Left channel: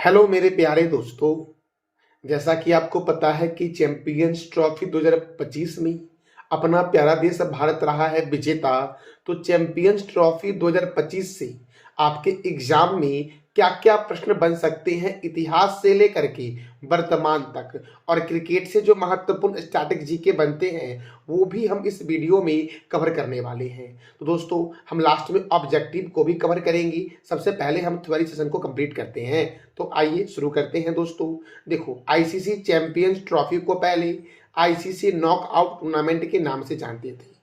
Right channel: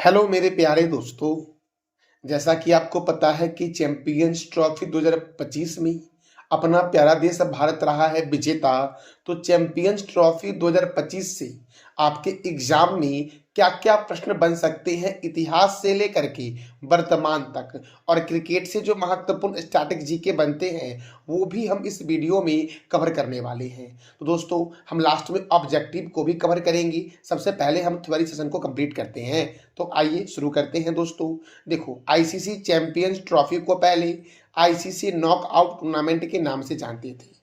Hello मेरे प्यारे दोस्तों। जैसा कि आपको पता है कि चैंपियंस ट्रॉफी 2025 में अपना प्यारा देश भारत रहा है विजेता। तो चैंपियंस ट्रॉफी 2025 से आपके एग्जाम में क्या क्या प्रश्न बन सकते हैं इतिहास से लेकर के वर्तमान तक, और क्रिकेट से जो महत्वपूर्ण स्टैटिक जीके बनते हैं वो भी हम इस वीडियो में कवर करने वाले हैं। तो दोस्तों हम लास्ट में ऑब्जेक्टिव को भी कवर करेंगे। सबसे पहले हम थ्योरी सेशन को कंप्लीट करते हैं। तो आइए शुरू करते हैं दोस्तों। देखो, आईसीसी चैंपियंस ट्रॉफी को पहले आईसीसी नॉकआउट टूर्नामेंट के नाम से जानते थे।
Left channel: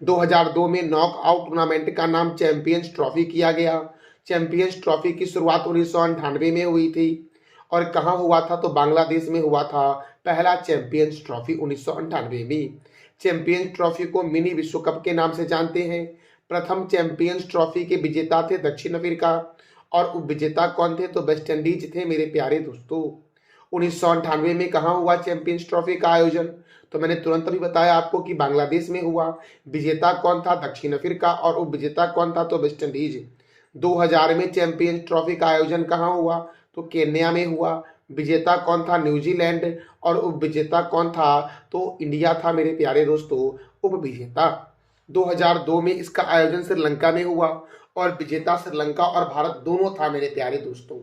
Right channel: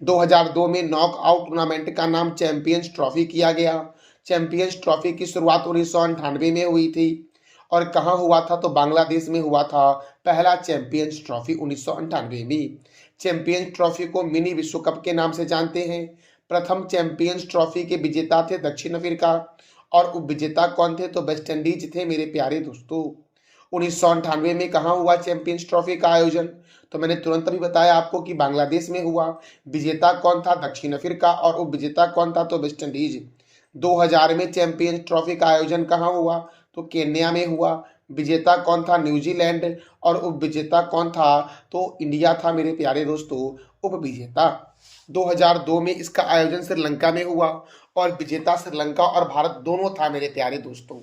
2002 में नॉकआउट टूर्नामेंट का नाम चैंपियंस ट्रॉफी किया गया। चैंपियंस ट्रॉफी की शुरुआत 1998 में हुई थी। और कहाँ हुआ था? तो बांग्लादेश में हुआ था पहला चैंपियंस ट्रॉफी 1998 में। चैंपियंस ट्रॉफी को मिनी विश्व कप के नाम से जानते हैं। प्रथम चैंपियंस ट्रॉफी के विजेता थे दक्षिण अफ्रीका, और उपविजेता कौन थे? तो वेस्ट इंडीज थे मेरे प्यारे दोस्तों। 1998 में कहाँ हुआ चैंपियंस ट्रॉफी का आयोजन? तो मैंने तुरंत अभी बताया आपको कि बांग्लादेश में हुआ। विजेता कौन था? दक्षिण अफ्रीका, और उपविजेता कौन था? तो वेस्ट इंडीज। 2000 में चैंपियंस ट्रॉफी का आयोजन कहाँ हुआ? तो केन्या में हुआ। विजेता कौन था? न्यूजीलैंड, और उपविजेता कौन था? तो इंडिया था मेरे प्यारे दोस्तों उपविजेता। 2002 में इसका आयोजन श्रीलंका में हुआ, और विजेता श्रीलंका और भारत दोनों था मेरे प्यारे दोस्तों।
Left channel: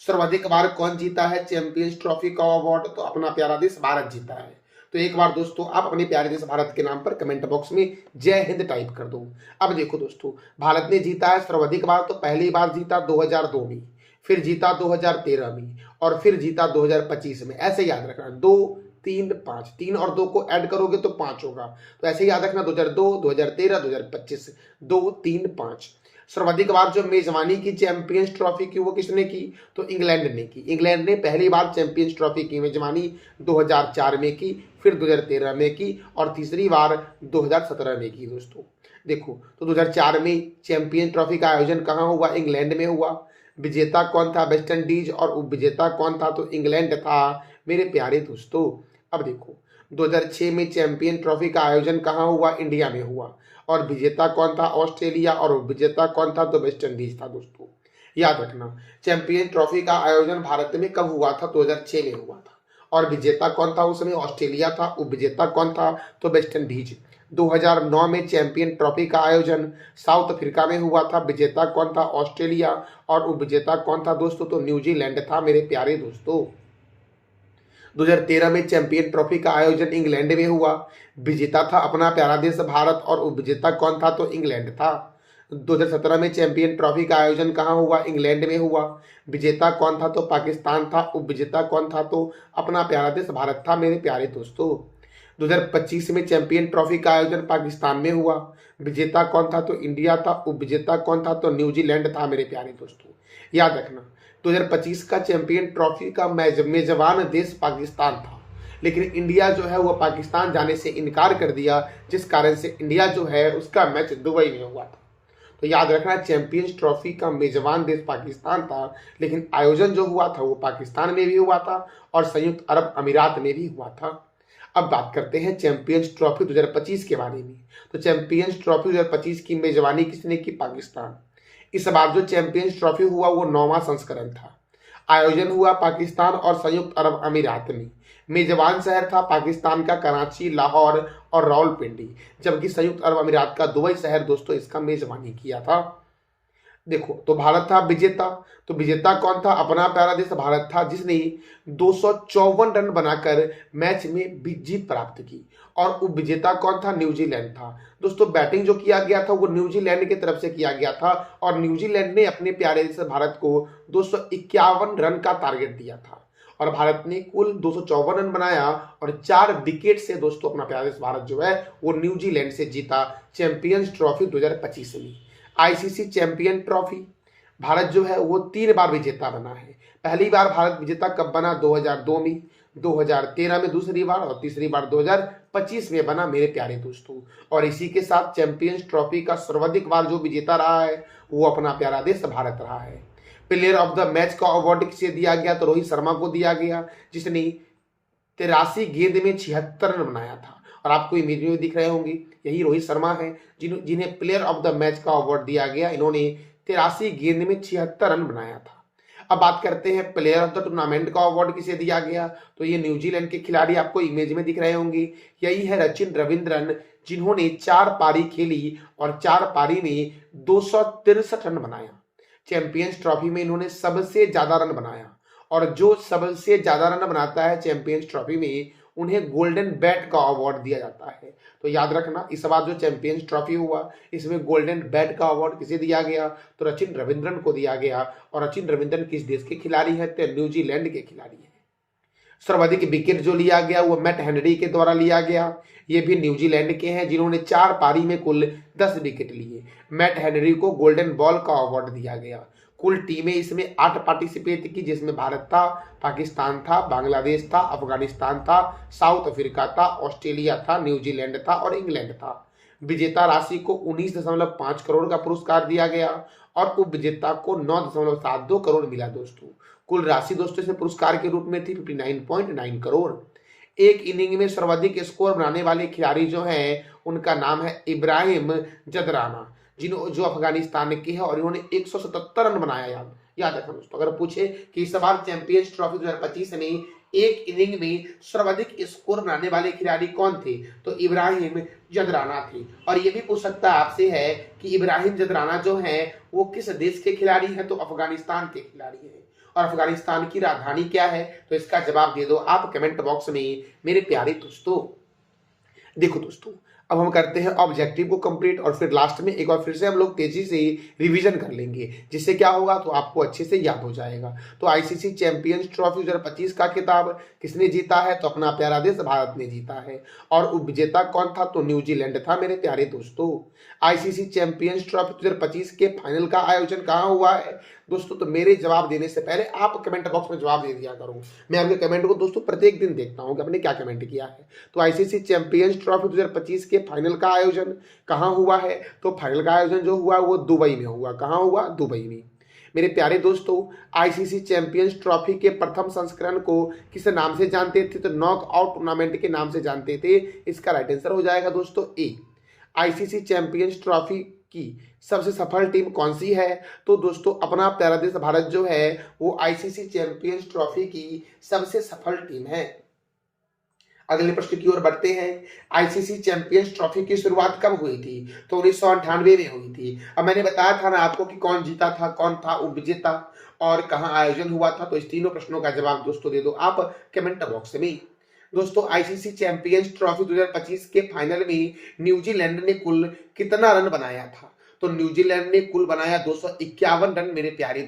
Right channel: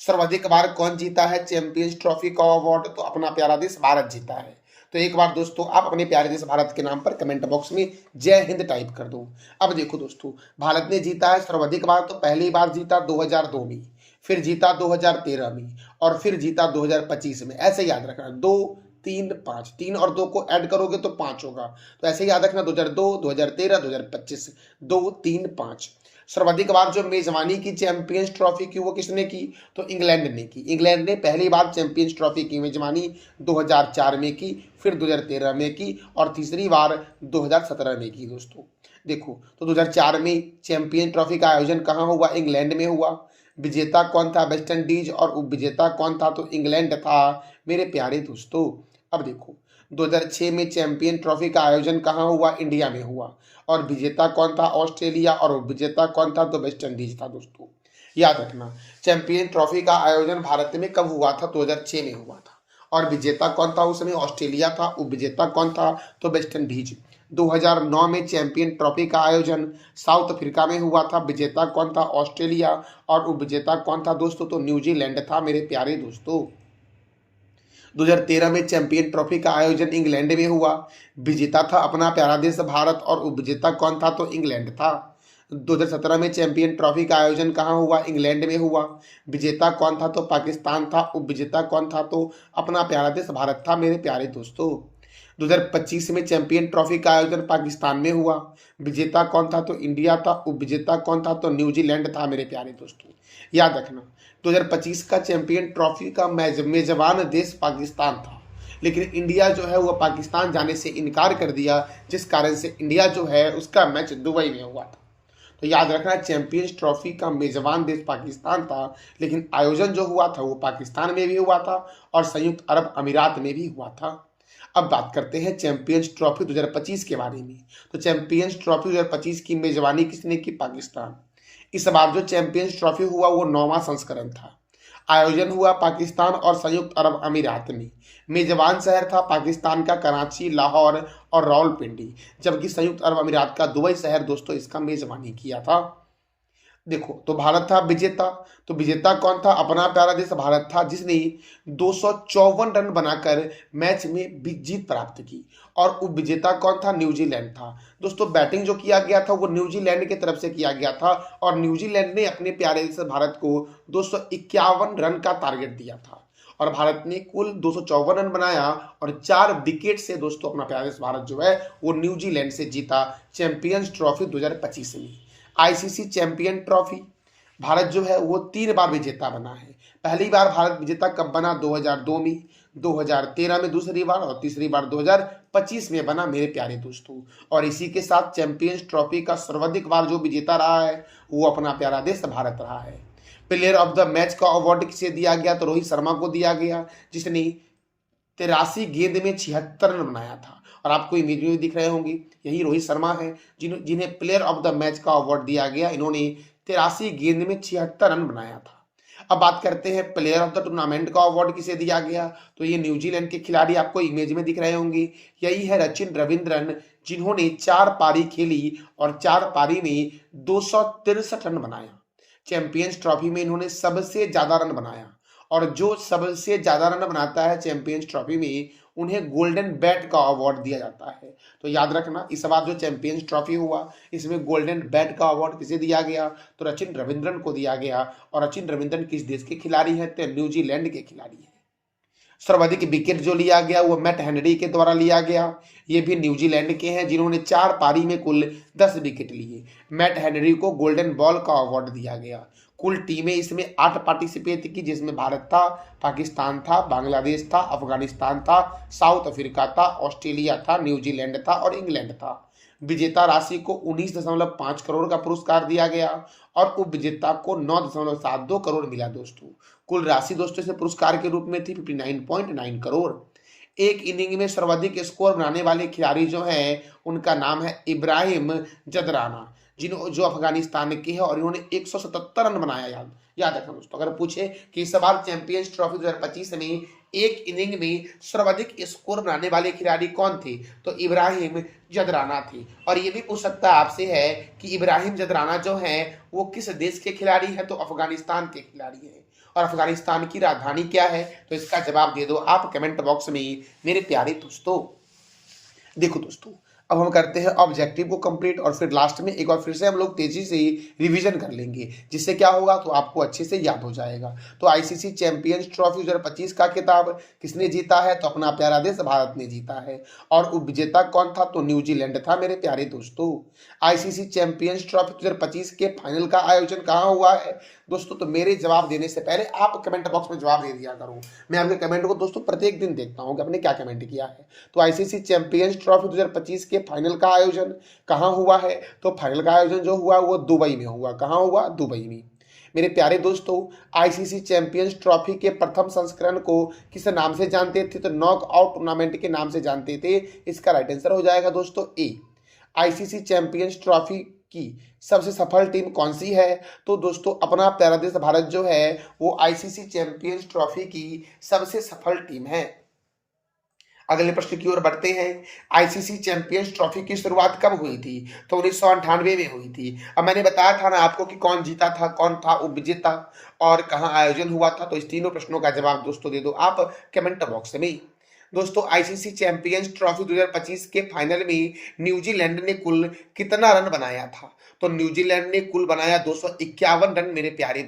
सर्वाधिक बार कौन जीता है चैंपियंस ट्रॉफी का अवार्ड? तो अपना प्यारा देश भारत जीता है। तो एक बार दोस्तों आप अपने प्यारे देश भारत के नाम पर कमेंट बॉक्स में जय हिंद टाइप कर दो। अब देखो दोस्तों, भारत ने जीता है सर्वाधिक बार। तो पहली बार जीता 2002 में, फिर जीता 2013 में, और फिर जीता 2025 में। ऐसे याद रखना, 2 3 5, 3 और 2 को ऐड करोगे तो 5 होगा। तो ऐसे याद रखना, 2002, 2013, 2025, 2 3 5। सर्वाधिक बार जो मेजबानी की चैंपियंस ट्रॉफी की वो किसने की? तो इंग्लैंड ने की। इंग्लैंड ने पहली बार चैंपियंस ट्रॉफी की मेजबानी 2004 में की, फिर 2013 में की, और तीसरी बार 2017 में की दोस्तों। देखो, तो 2004 में चैंपियन ट्रॉफी का आयोजन कहाँ हुआ? इंग्लैंड में हुआ। विजेता कौन था? वेस्ट इंडीज, और उपविजेता कौन था? तो इंग्लैंड था मेरे प्यारे दोस्तों। अब देखो, 2006 में चैंपियन ट्रॉफी का आयोजन कहाँ हुआ? इंडिया में हुआ। और विजेता कौन था? ऑस्ट्रेलिया, और उपविजेता कौन था? तो वेस्ट इंडीज था दोस्तों। याद रखना, चैंपियन ट्रॉफी का आयोजन भारत में कब हुआ था? 2006 में हुआ था। और विजेता कौन था? उसमें ऑस्ट्रेलिया था। उपविजेता कौन था? तो वेस्ट इंडीज। 2009 में चैंपियन ट्रॉफी का आयोजन साउथ अफ्रीका में हुआ था। विजेता कौन था? ऑस्ट्रेलिया, और उपविजेता कौन था दोस्तों? तो न्यूजीलैंड था मेरे प्यारे दोस्तों। 2013 में चैंपियन ट्रॉफी का आयोजन इंग्लैंड में हुआ। विजेता था अपना प्यारा देश भारत, और उपविजेता कौन था? तो इंग्लैंड था। 2017 में चैंपियन ट्रॉफी का आयोजन कहाँ हुआ? इंग्लैंड में हुआ। विजेता कौन था? तो पाकिस्तान था। उपविजेता कौन था? तो अपना प्यारा देश भारत था मेरे प्यारे दोस्तों। 2025 में चैंपियन ट्रॉफी का आयोजन पाकिस्तान में हुआ। विजेता कौन था? तो इंडिया था। उपविजेता कौन था? तो न्यूजीलैंड था मेरे प्यारे दोस्तों। याद रखना, 2025 का चैंपियन ट्रॉफी का मेजबान देश पाकिस्तान था, लेकिन इंडिया जो है वो पाकिस्तान जाने से इनकार कर दिया, जिस कारण से इंडिया जो है उसका मैच दुबई में हुआ था। तो याद रखना, चैंपियंस ट्रॉफी का मेजबान देश पाकिस्तान था, लेकिन आयोजन जो हुआ था वो पाकिस्तान में भी हुआ था, और संयुक्त अरब अमीरात में भी हुआ था। अब बात करते हैं चैंपियंस ट्रॉफी 2025 के बारे में। तो चैंपियंस ट्रॉफी 2025 की मेजबानी किसने की? पाकिस्तान। इस बार जो चैंपियंस ट्रॉफी हुआ वो 9वां संस्करण था। आयोजन हुआ पाकिस्तान और संयुक्त अरब अमीरात में। मेजबान शहर था पाकिस्तान का कराची, लाहौर और रावलपिंडी, जबकि संयुक्त अरब अमीरात का दुबई शहर दोस्तों इसका मेजबानी किया था। देखो, तो भारत था विजेता। तो विजेता कौन था? अपना प्यारा देश भारत था, जिसने 254 रन बनाकर मैच में जीत प्राप्त की। और उपविजेता कौन था? न्यूजीलैंड था दोस्तों। बैटिंग जो किया गया था वो न्यूजीलैंड की तरफ से किया गया था, और न्यूजीलैंड ने अपने प्यारे देश भारत को 251 रन का टारगेट दिया था, और भारत ने कुल 254 रन बनाया, और 4 विकेट से दोस्तों अपना प्यारा देश भारत जो है वो न्यूजीलैंड से जीता चैंपियंस ट्रॉफी 2025 में। आईसीसी चैंपियन ट्रॉफी भारत जो है वो 3 बार विजेता बना है। पहली बार भारत विजेता कब बना? 2002 में, 2013 में दूसरी बार, और तीसरी बार 2025 में बना मेरे प्यारे दोस्तों। और इसी के साथ चैंपियंस ट्रॉफी का सर्वाधिक बार जो विजेता रहा है वो अपना प्यारा देश भारत रहा है। प्लेयर ऑफ द मैच का अवार्ड किसे दिया गया? तो रोहित शर्मा को दिया गया, जिसने 83 गेंद में 76 रन बनाया था। और आपको इमेज में दिख रहे होंगे, यही रोहित शर्मा है जिन्हें प्लेयर ऑफ द मैच का अवार्ड दिया गया। इन्होंने 83 गेंद में 76 रन बनाया था। अब बात करते हैं प्लेयर ऑफ द टूर्नामेंट का अवार्ड किसे दिया गया, तो ये न्यूजीलैंड के खिलाड़ी आपको इमेज में दिख रहे होंगे, यही है रचिन रविंद्रन, जिन्होंने 4 पारी खेली और 4 पारी में 263 रन बनाया। चैंपियंस ट्रॉफी में इन्होंने सबसे ज्यादा रन बनाया, और जो सबसे ज्यादा रन बनाता है चैंपियंस ट्रॉफी में, उन्हें गोल्डन बैट का अवार्ड दिया जाता है। तो याद रखना, इस बार जो चैंपियंस ट्रॉफी हुआ इसमें गोल्डन बैट का अवार्ड किसे दिया गया, तो रचिन रविंद्रन को दिया गया। और रचिन रविंद्रन किस देश के खिलाड़ी हैं, तो न्यूजीलैंड के खिलाड़ी हैं। सर्वाधिक विकेट जो लिया गया वो मैट हेनरी के द्वारा लिया गया, ये भी न्यूजीलैंड के हैं, जिन्होंने 4 पारी में कुल 10 विकेट लिए। मैट हेनरी को गोल्डन बॉल का अवार्ड दिया गया। कुल टीमें इसमें 8 पार्टिसिपेट की, जिसमें भारत था, पाकिस्तान था, बांग्लादेश था, अफगानिस्तान था, साउथ अफ्रीका था, ऑस्ट्रेलिया था, न्यूजीलैंड था और इंग्लैंड था। विजेता राशि को 19.5 करोड़ का पुरस्कार दिया गया और उपविजेता को 9.72 करोड़ मिला दोस्तों। कुल राशि दोस्तों इसमें पुरस्कार के रूप में थी 59.9 करोड़। एक इनिंग में सर्वाधिक स्कोर बनाने वाले खिलाड़ी जो हैं उनका नाम है इब्राहिम जदराना, जो अफगानिस्तान के हैं, और इन्होंने 177 रन बनाया। याद रखना दोस्तों, अगर पूछे कि इस बार चैंपियंस ट्रॉफी 2025 में एक इनिंग में सर्वाधिक स्कोर बनाने वाले खिलाड़ी कौन थे, तो इब्राहिम जदराना थे। और ये भी पूछ सकता है आपसे है कि इब्राहिम जदराना जो है वो किस देश के खिलाड़ी हैं, तो अफगानिस्तान के खिलाड़ी हैं। और अफगानिस्तान की राजधानी क्या है, तो इसका जवाब दे दो आप कमेंट बॉक्स में मेरे प्यारे दोस्तों। देखो दोस्तों, अब हम करते हैं ऑब्जेक्टिव को कंप्लीट, और फिर लास्ट में एक बार फिर से हम लोग तेजी से रिवीजन कर लेंगे, जिससे क्या होगा, तो आपको अच्छे से याद हो जाएगा। तो आईसीसी चैंपियंस ट्रॉफी 2025 का खिताब किसने जीता है, तो अपना प्यारा देश भारत ने जीता है। और उपविजेता कौन था, तो न्यूजीलैंड था मेरे प्यारे दोस्तों। आईसीसी चैंपियंस ट्रॉफी 2025 के फाइनल का आयोजन कहाँ हुआ है दोस्तों, तो मेरे जवाब देने से पहले आप कमेंट बॉक्स में जवाब दे दिया करो। मैं आपके कमेंट को दोस्तों प्रत्येक दिन देखता हूँ कि आपने क्या कमेंट किया है। तो आईसीसी चैंपियंस ट्रॉफी 2025 के फाइनल का आयोजन कहाँ हुआ है, तो फाइनल का आयोजन जो हुआ वो दुबई में हुआ। कहाँ हुआ, दुबई में। मेरे प्यारे दोस्तों, आईसीसी चैंपियंस ट्रॉफी के प्रथम संस्करण को किस नाम से जानते थे, तो नॉकआउट टूर्नामेंट के नाम से जानते थे। इसका राइट आंसर हो जाएगा दोस्तों ए। आईसीसी चैंपियंस ट्रॉफी की सबसे सफल टीम कौन सी है, तो दोस्तों अपना प्यारा देश भारत जो है वो आईसीसी चैंपियंस ट्रॉफी की सबसे सफल टीम है। अगले प्रश्न की ओर बढ़ते हैं। आईसीसी चैंपियंस ट्रॉफी की शुरुआत कब हुई थी, तो 1998 में हुई थी। अब मैंने बताया था ना आपको कि कौन जीता था, कौन था उपविजेता और कहां आयोजन हुआ था। तो इस तीनों प्रश्नों का जवाब दोस्तों दे दो आप कमेंट बॉक्स में। दोस्तों आईसीसी चैंपियंस ट्रॉफी 2025 के फाइनल में न्यूजीलैंड ने कुल कितना रन बनाया था, तो न्यूजीलैंड ने कुल बनाया 251 रन मेरे प्यारे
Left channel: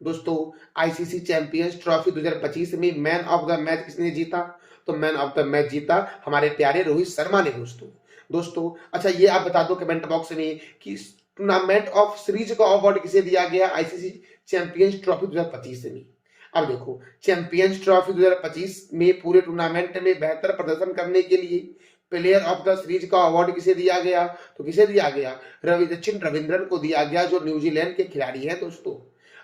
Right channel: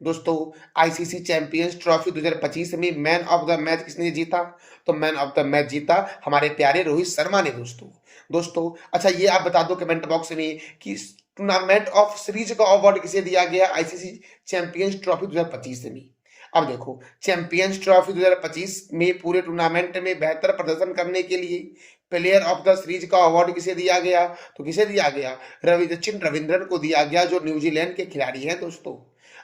दोस्तों आईसीसी चैंपियंस ट्रॉफी 2025 में मैन ऑफ द मैच किसने जीता, तो मैन ऑफ द मैच जीता हमारे प्यारे रोहित शर्मा ने दोस्तों। अच्छा ये आप बता दो कमेंट बॉक्स में कि टूर्नामेंट ऑफ सीरीज का अवार्ड किसे दिया गया आईसीसी चैंपियंस ट्रॉफी 2025 में। अब देखो, चैंपियंस ट्रॉफी 2025 में पूरे टूर्नामेंट में बेहतर प्रदर्शन करने के लिए प्लेयर ऑफ द सीरीज का अवार्ड किसे दिया गया, तो किसे दिया गया, रचिन रविंद्रन को दिया गया, जो न्यूजीलैंड के खिलाड़ी हैं दोस्तों।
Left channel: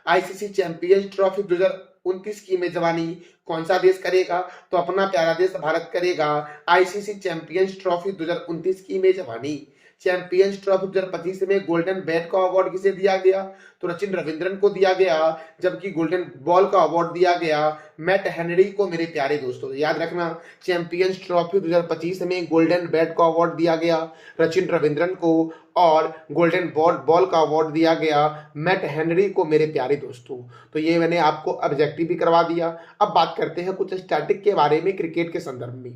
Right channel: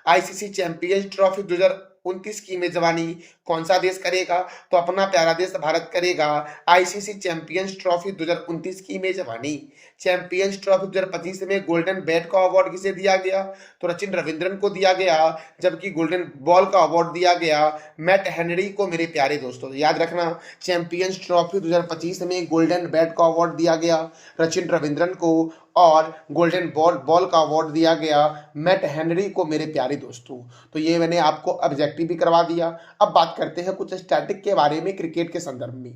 आईसीसी चैंपियंस ट्रॉफी 2029 की मेजबानी कौन सा देश करेगा, तो अपना प्यारा देश भारत करेगा आईसीसी चैंपियंस ट्रॉफी 2029 की मेजबानी। चैंपियंस ट्रॉफी 2025 में गोल्डन बैट का अवार्ड किसे दिया गया, तो रचिन रविंद्रन को दिया गया, जबकि गोल्डन बॉल का अवार्ड दिया गया मैट हेनरी को मेरे प्यारे दोस्तों। याद रखना, चैंपियंस ट्रॉफी 2025 में गोल्डन बैट का अवार्ड दिया गया रचिन रविंद्रन को और गोल्डन बॉल का अवार्ड दिया गया मैट हेनरी को मेरे प्यारे दोस्तों। तो ये मैंने आपको ऑब्जेक्टिव भी करवा दिया। अब बात करते हैं कुछ स्टैटिक के बारे में क्रिकेट के संदर्भ में।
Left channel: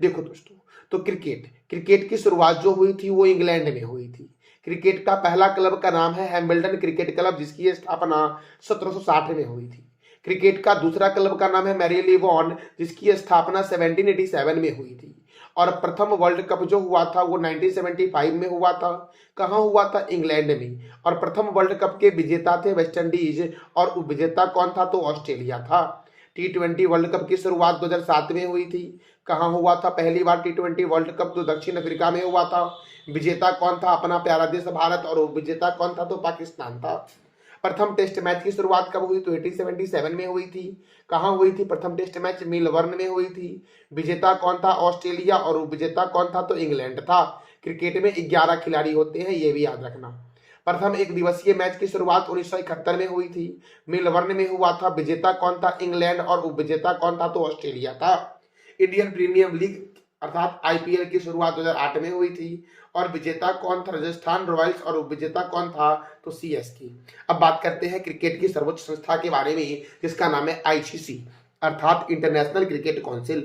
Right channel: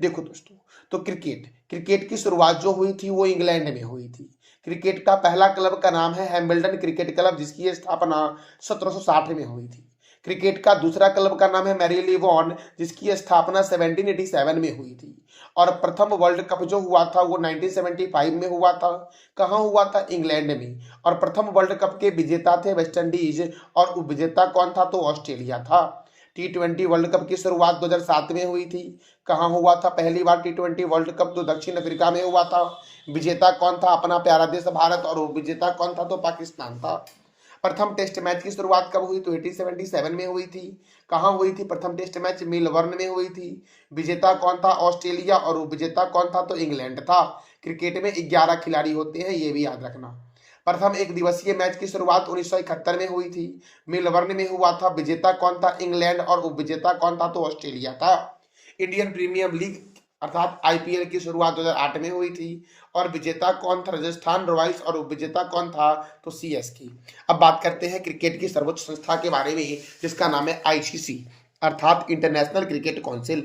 देखो दोस्तों, तो क्रिकेट की शुरुआत जो हुई थी वो इंग्लैंड में हुई थी। क्रिकेट का पहला क्लब का नाम है हैमिल्टन क्रिकेट क्लब, जिसकी स्थापना 1760 में हुई थी। क्रिकेट का दूसरा क्लब का नाम है मैरीलेबोन, जिसकी स्थापना 1787 में हुई थी। और प्रथम वर्ल्ड कप जो हुआ था वो 1975 में हुआ था। कहाँ हुआ था, इंग्लैंड में। और प्रथम वर्ल्ड कप के विजेता थे वेस्ट इंडीज और उपविजेता कौन था, तो ऑस्ट्रेलिया था। T20 वर्ल्ड कप की शुरुआत 2007 में हुई थी। कहाँ हुआ था पहली बार T20 वर्ल्ड कप, तो दक्षिण अफ्रीका में हुआ था। विजेता कौन था, अपना प्यारा देश भारत, और उपविजेता कौन था, तो पाकिस्तान था। प्रथम टेस्ट मैच की शुरुआत कब हुई, तो 1877 में हुई थी। कहाँ हुई थी प्रथम टेस्ट मैच, मेलबर्न में हुई थी। विजेता कौन था, ऑस्ट्रेलिया, और उपविजेता कौन था, तो इंग्लैंड था। क्रिकेट में 11 खिलाड़ी होते हैं, ये भी याद रखना। प्रथम एक दिवसीय मैच की शुरुआत 1971 में हुई थी। मेलबर्न में हुआ था। विजेता कौन था? इंग्लैंड। और उपविजेता कौन था? तो ऑस्ट्रेलिया था। इंडियन प्रीमियर लीग अर्थात आईपीएल की शुरुआत 2008 में हुई थी। और विजेता कौन था? राजस्थान रॉयल्स। और उपविजेता कौन था? तो सीएसके। अब बात करते हैं क्रिकेट की सर्वोच्च संस्था के बारे में, जिसका नाम है आईसीसी अर्थात इंटरनेशनल क्रिकेट काउंसिल।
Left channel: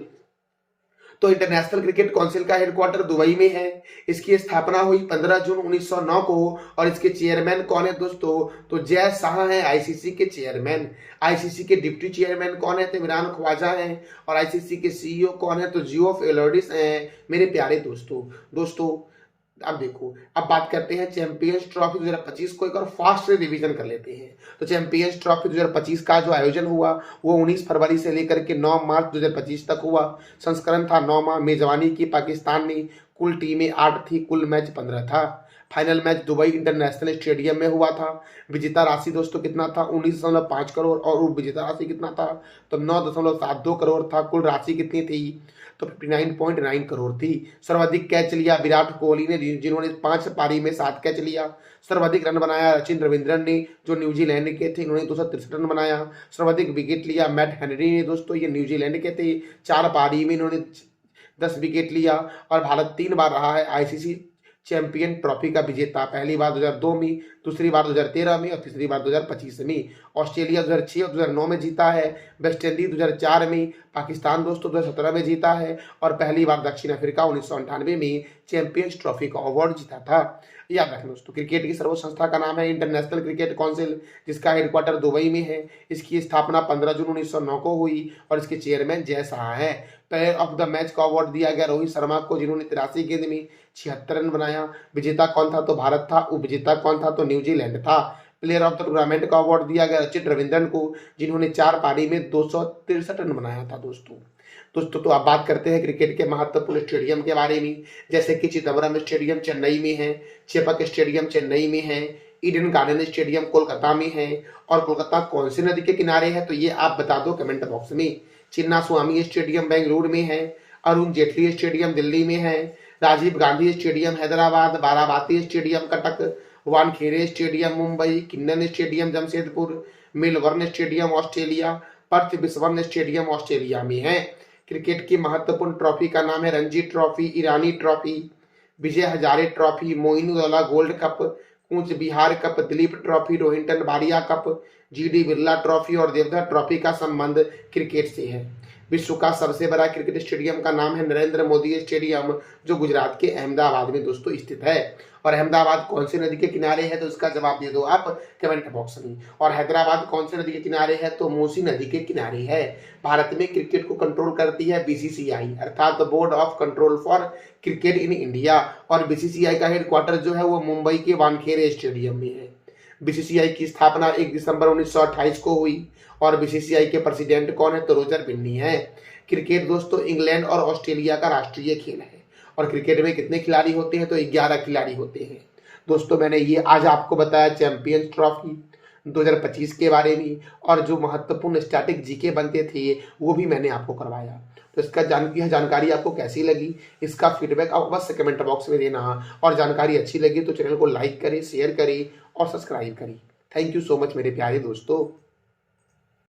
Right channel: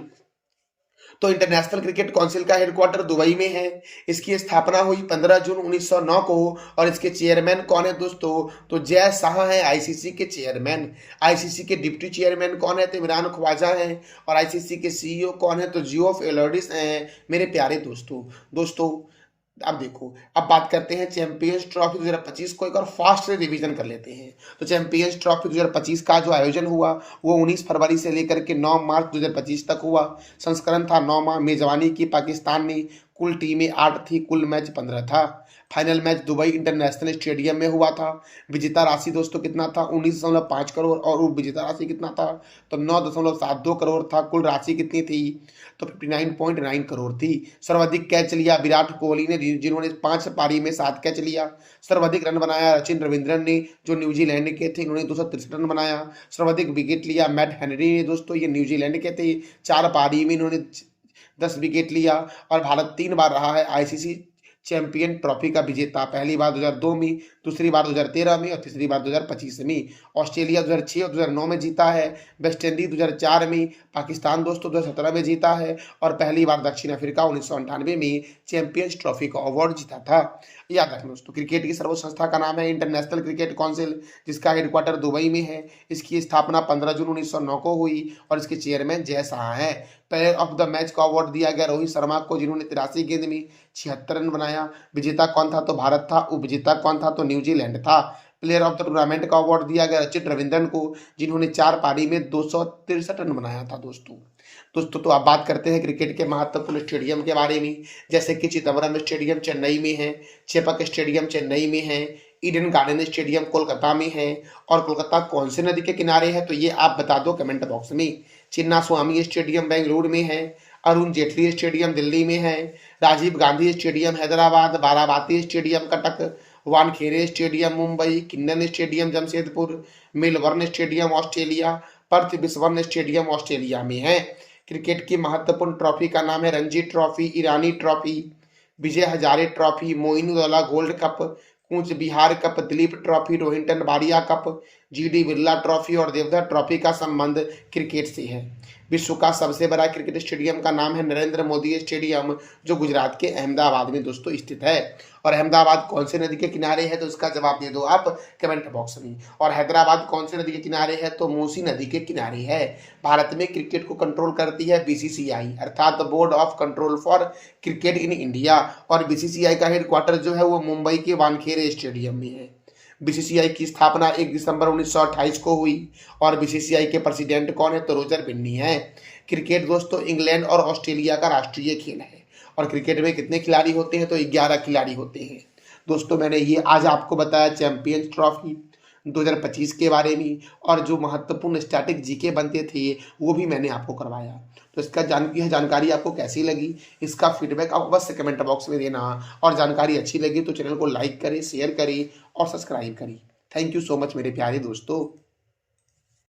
तो इंटरनेशनल क्रिकेट काउंसिल का हेडक्वार्टर दुबई में है। इसकी स्थापना हुई 15 जून 1909 को। और इसके चेयरमैन कौन है दोस्तों? तो जय शाह है आईसीसी के चेयरमैन। आईसीसी के डिप्टी चेयरमैन कौन है? तो इमरान ख्वाजा हैं। और आईसीसी के सीईओ कौन है? तो जियोफ एलोडिस हैं। मेरे प्यारे दोस्तों अब देखो, अब बात करते हैं चैंपियंस ट्रॉफी 2025 को एक और फास्ट से रिवीजन कर लेते हैं। तो चैंपियंस ट्रॉफी 2025 का जो आयोजन हुआ वो 19 फरवरी से लेकर के 9 मार्च 2025 तक हुआ। संस्करण था 9 माह। मेजबानी की पाकिस्तान ने। कुल टीमें 8 थी। कुल मैच 15 था। Final match Dubai international stadium में हुआ था। विजेता राशि दोस्तों कितना था? 19.5 करोड़। और उपविजेता राशि कितना था? तो 9.72 करोड़ था। कुल राशि कितनी थी? तो 59.9 करोड़ थी। सर्वाधिक कैच लिया विराट कोहली ने, जिन्होंने 5 पारी में 7 कैच लिया। सर्वाधिक रन बनाया सचिन रविंद्रन ने, जो न्यूजीलैंड के थे, इन्होंने 263 रन बनाया। सर्वाधिक विकेट लिया मैट हेनरी ने दोस्तों, ये न्यूजीलैंड के थे। 4 पारी में इन्होंने 10 विकेट लिया। और भारत 3 बार रहा है आईसीसी चैंपियन ट्रॉफी का विजेता। पहली बार 2002 में, दूसरी बार 2013 में और तीसरी बार 2025 में। ऑस्ट्रेलिया 2006 और 2009 में जीता है। वेस्ट इंडीज 2004 में। पाकिस्तान दोस्तों 2017 में जीता है। और पहली बार दक्षिण अफ्रीका 1998 में चैंपियंस ट्रॉफी का अवार्ड जीता था। याद रखना दोस्तों, क्रिकेट की सर्वोच्च संस्था का नाम है इंटरनेशनल क्रिकेट काउंसिल, जिसका हेडक्वार्टर दुबई में है। इसकी स्थापना 15 जून 1909 को हुई। और इसके चेयरमैन जय शाह हैं। प्लेयर ऑफ द मैच का अवार्ड दिया गया रोहित शर्मा को, जिन्होंने 83 गेंद में 76 रन बनाया। विजेता कौन था? तो भारत था। उपविजेता कौन था? तो न्यूजीलैंड था। प्लेयर ऑफ द टूर्नामेंट का अवार्ड दिया गया सचिन रविंद्रन को, जिन्होंने 4 पारी में 263 रन बनाया था दोस्तों तो अब बात करते हैं क्रिकेट के महत्वपूर्ण स्टेडियम के बारे में, जैसे कि चिदम्बरम स्टेडियम चेन्नई में है। चेपक स्टेडियम चेन्नई में है। ईडन गार्डन स्टेडियम कोलकाता में है। और कोलकाता कौन सी नदी के किनारे है? तो ये आप बता दो कमेंट बॉक्स में। चिन्ना स्वामी स्टेडियम बेंगलुरु में है। अरुण जेटली स्टेडियम दिल्ली में है। Rajiv Gandhi stadium Hyderabad. Barabati stadium Cuttack. Wankhede stadium Mumbai. Keenan stadium Jamshedpur. Melbourne stadium Australia. Perth बिस्वन स्टेडियम ऑस्ट्रेलिया में है। क्रिकेट की महत्वपूर्ण ट्रॉफी का नाम है Ranji trophy, Irani trophy, Vijay Hazare trophy, Moinuddaula gold cup, Cooch Behar cup, Duleep trophy, Rohinton Baria cup, GD Birla trophy और देवधर ट्रॉफी का संबंध क्रिकेट से है। विश्व का सबसे बड़ा क्रिकेट स्टेडियम का नाम है नरेंद्र मोदी स्टेडियम, जो गुजरात के अहमदाबाद में दोस्तों स्थित है। और अहमदाबाद कौन से नदी के किनारे है? तो इसका जवाब दे दो आप कमेंट बॉक्स में। और हैदराबाद कौन से नदी के किनारे है? तो मूसी नदी के किनारे है। भारत में क्रिकेट को कंट्रोल करती है बीसीसीआई अर्थात board of control for cricket in India. और बीसीसीआई का हेडक्वार्टर जो है वो मुंबई के वानखेड़े स्टेडियम में है। बीसीसीआई की स्थापना 1 दिसंबर 1928 को हुई। और बीसीसीआई के प्रेसिडेंट कौन है? तो रोजर बिन्नी है। क्रिकेट दोस्तों इंग्लैंड और ऑस्ट्रेलिया का राष्ट्रीय खेल है। और क्रिकेट में कितने खिलाड़ी होते हैं? तो 11 खिलाड़ी होते हैं। दोस्तों मैंने ये आज आपको बताया चैंपियंस ट्रॉफी 2025 के बारे में। और जो महत्वपूर्ण स्टैटिक जीके बनते थे वो भी मैंने आपको करवाया। तो इसका जानकारी आपको कैसी लगी, इसका फीडबैक आप अवश्य कमेंट बॉक्स में देना। और जानकारी अच्छी लगी तो चैनल को लाइक करें, शेयर करें और सब्सक्राइब करें। थैंक यू सो मच मेरे प्यारे दोस्तों।